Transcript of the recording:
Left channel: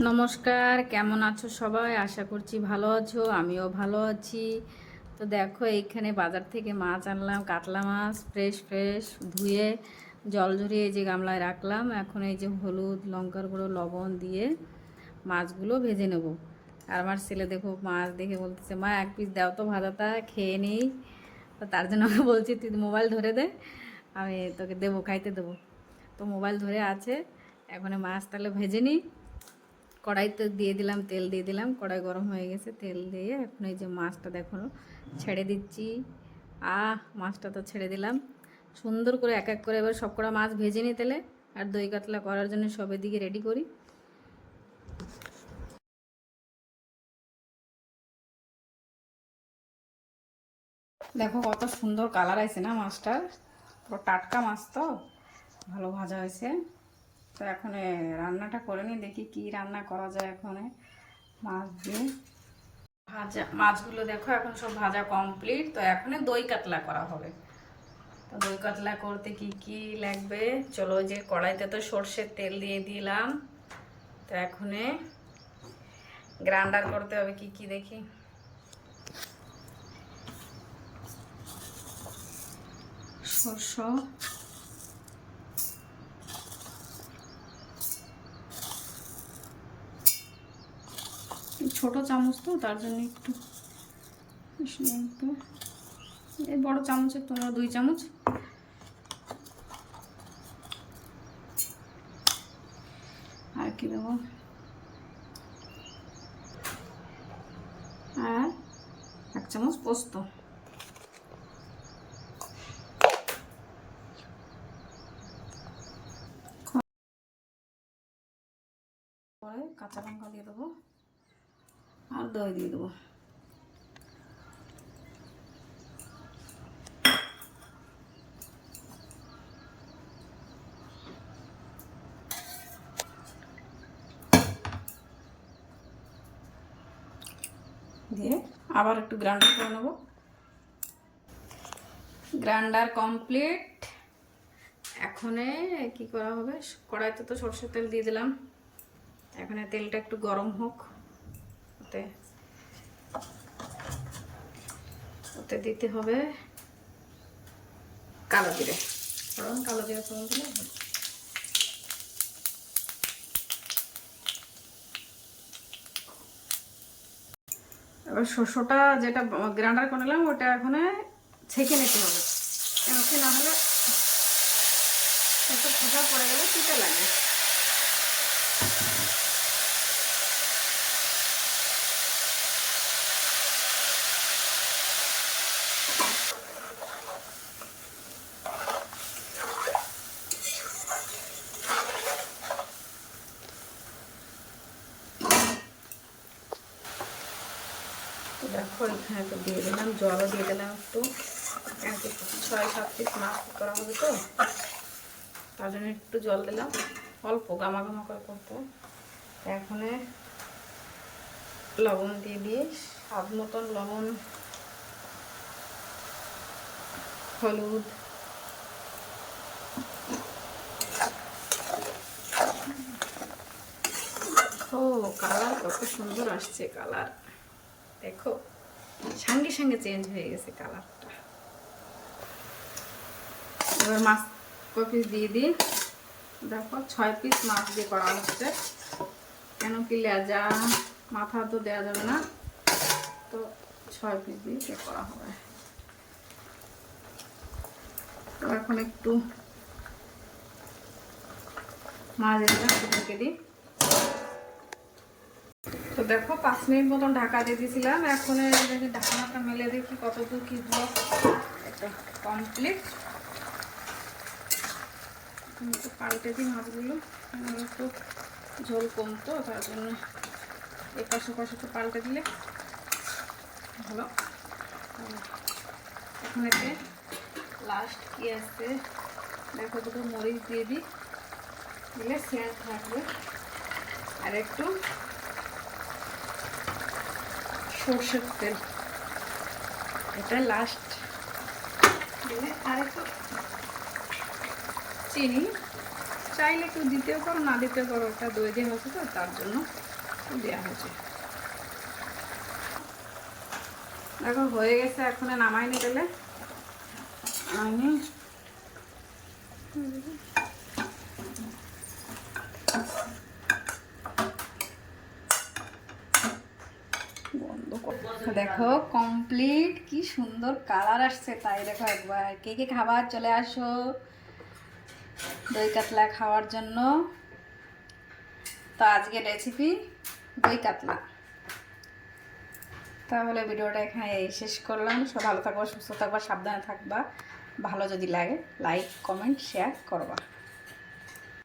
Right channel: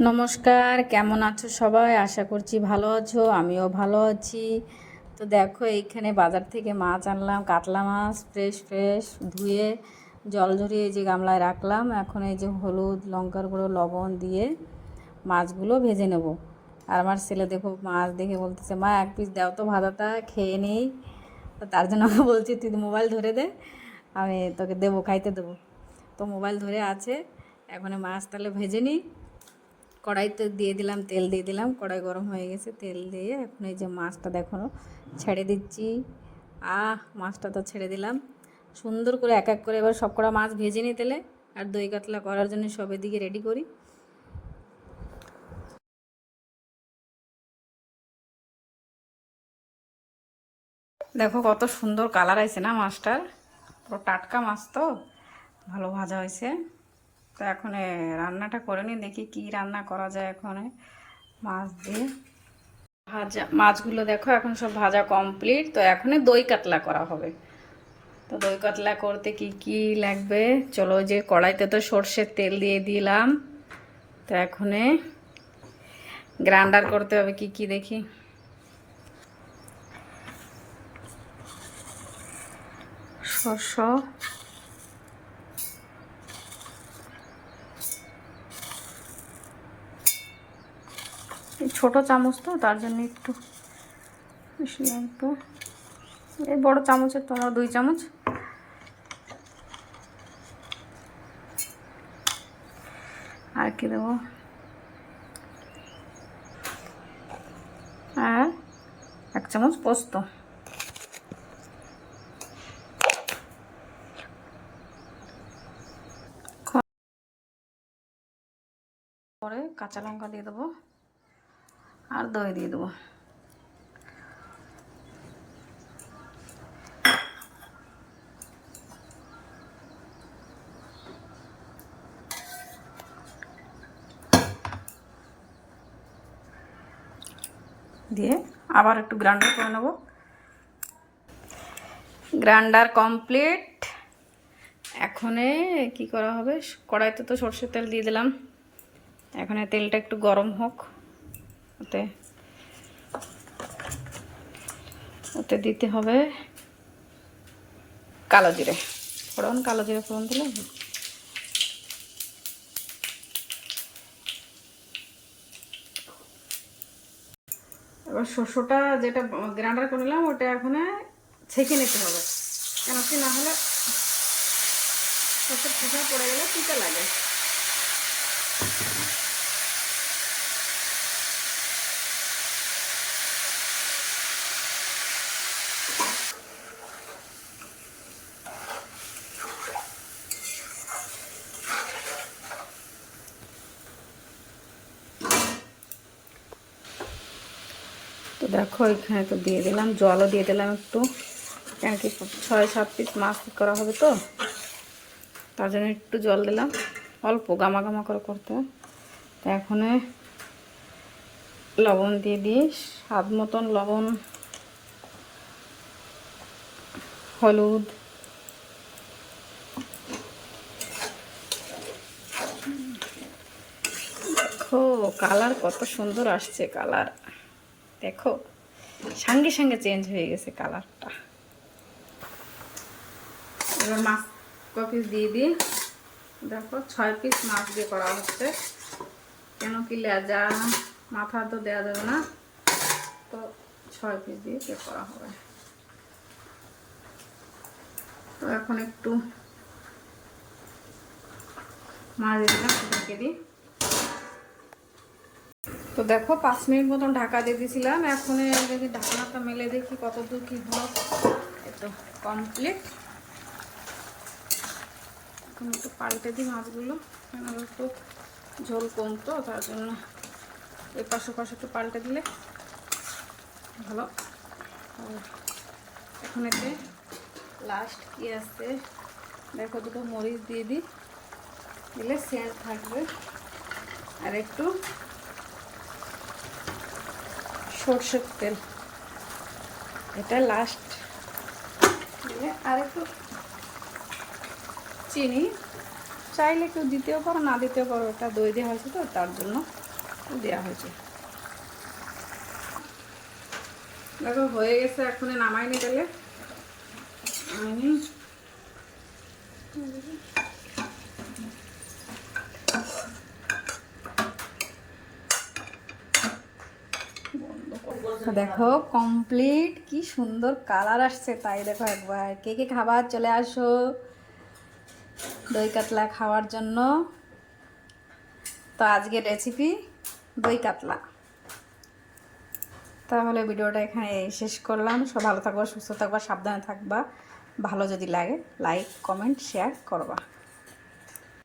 নমস্কার, কেমন আছো সবাই? আশা করছি ভালো আছো, আমিও ভালো আছি। তো দেখো, এইখানে বাজার থেকে মাছ আনলাম, কাতলা মাছ, ফ্রেশ ফ্রেশ ধুয়ে জল ঝরিয়ে এই যে গামলায় রাখলাম। এখন এই যে হলুদ, লঙ্কার গুঁড়ো, লবণ দিয়ে মাছগুলো ভেজে নেব। আর আমার ছেলে দেখো, মাছ দেখে বলতেছে, মা এক পিস দাও তো, ভাজাটা খেয়ে নেই। তো তার জন্য আমি বলছি, তুই মোবাইল ধরে দে, আমি তোকে দেবো, খাইতে দেবো। তো মোবাইল ধরে আছে। এখন মাছ তাহলে ভেজে নিই। কড়াইতে দিয়ে দিলাম, তেল দিয়ে দিলাম, কড়াই গরম হয়ে গেছে। তেল দিয়ে এখন এই যে মাছটা দেখো ছেড়ে দিচ্ছি। মাছটা তো ছেড়ে দিলাম সুন্দর করে, এক এক করে এবার সব কটা মাছ ভেজে নিই তেলে। আর দই কাতলা করার জন্য সব এদিকে রেডি করি। দেখো কত সুন্দর কালার আছে না মাছটার, পুরো টাটকা মাছ তো, ভালো ভাজা হয়েছে। তো এখন রান্নাটা করে নিই, দেখি কি রান্না করা যায় এখন মাছ দিয়ে। ভাজা মাছগুলো দেখো এখন সব ভাজা কমপ্লিট। তো এখন দই কাতলা করা হবে। তো দই কাতলা করতে কি কি লাগবে চলো, যে কড়াইতে তো সর্ষের তেল দিয়ে দিলাম। তো এখন গ্রাইন্ডার করতে হবে কি কি দেখি। সর্ষ, ছোট চামচ তো তার জন্য একটু বেশি লাগবে। এই বড় চামচের তোমার 2 চামচ। আর কি দেবো, আর 1 চামচ পোস্ত। পরে কাঁচা লঙ্কা দিয়ে দেবো, আর দই দিয়ে দেবো। দিয়ে আবার একটু গ্রাইন্ডার করে নেব। Grinder complete. এখন কি করা হবে, কড়াইতে তো সরষের তেল দিয়ে দিলাম। এখন তেলটা একটু গরম হোক, ওতে ওতে দিতে হবে কালো জিরে ফোড়ন। কালো জিরে ফোড়ন দিলে এবার শস্যটা যেটা গ্রাইন্ডার করে নিলাম ওটা এখন ছেঁকে নিতে হবে, কেন কি না হলে শস্যের খোসা পড়ে গেলে তিতে লাগে। দেখো এখানে তো দিয়ে দিলাম, জলও দিয়ে দিলাম একটু, কেন কি 6-7 পিস মাছ করা হবে তো, তার জন্য একটু জল দিলাম, অল্প গামা গামা করে করতে হবে। এখন লবণ দিয়ে দিই, স্বাদ মতন লবণ, হলুদ, দেখো কালার কত সুন্দর আসছে। কালার দেখো সঙ্গে সঙ্গে চেঞ্জ হয়ে গেছে কালারটা। এবার মাছ কয় পিস দিয়ে দিই। দেখো 6 পিস মাছ দিয়ে করা হচ্ছে, কেন কি লেজা মাথা তো দেওয়া যাবে না, তো 6 পিস দিয়ে করা হবে। তো এখন একটু মাছ দিলাম, ঢেকে দিই। তো দেখো 5 মিনিট মতন ঢাকা দিয়ে দিয়েছিলাম। এখন যদি ঢাকনাটা মেলে দেখি কত দূর কি হলো। এটা কমপ্লিট। এখন একটু পাল্টে দিই মাছগুলো, একটু ঝোল কম তো তার জন্য এপাশ ওপাশ একটু পাল্টে দিলে ভালো। এখন এতে লাস্ট কি আছে দেখো, দুটো মরিচ দিয়ে দিই, দিলে সেন্ট থাকবে। আর একটু সর্ষের তেল, এটা লাস্ট দিলে, আর একটু চিনি চাইলে কেউ দিতেও পারো, না দিতেও পারো, ওটা দই দেওয়া হয়েছে তো তার জন্য দেওয়া হয়েছে। দেখো হয়ে গেছে, এখন নামাইনি তাহলে আমি দেখো কমপ্লিট, কি সুন্দর কালার আসছে। তাই দেখো একবার কে কে খাবার চলে আসো দই কাতলা খাওয়ার জন্য। তো আজকের রেসিপি দই কাতলা। তাহলে ভিডিওটা এখানে শেষ করলাম। সব ভালো থাকবা, সুস্থ থাকবা, সাবধানে থাকবা। ভালো যদি লাগে লাইক কমেন্ট শেয়ার করবা।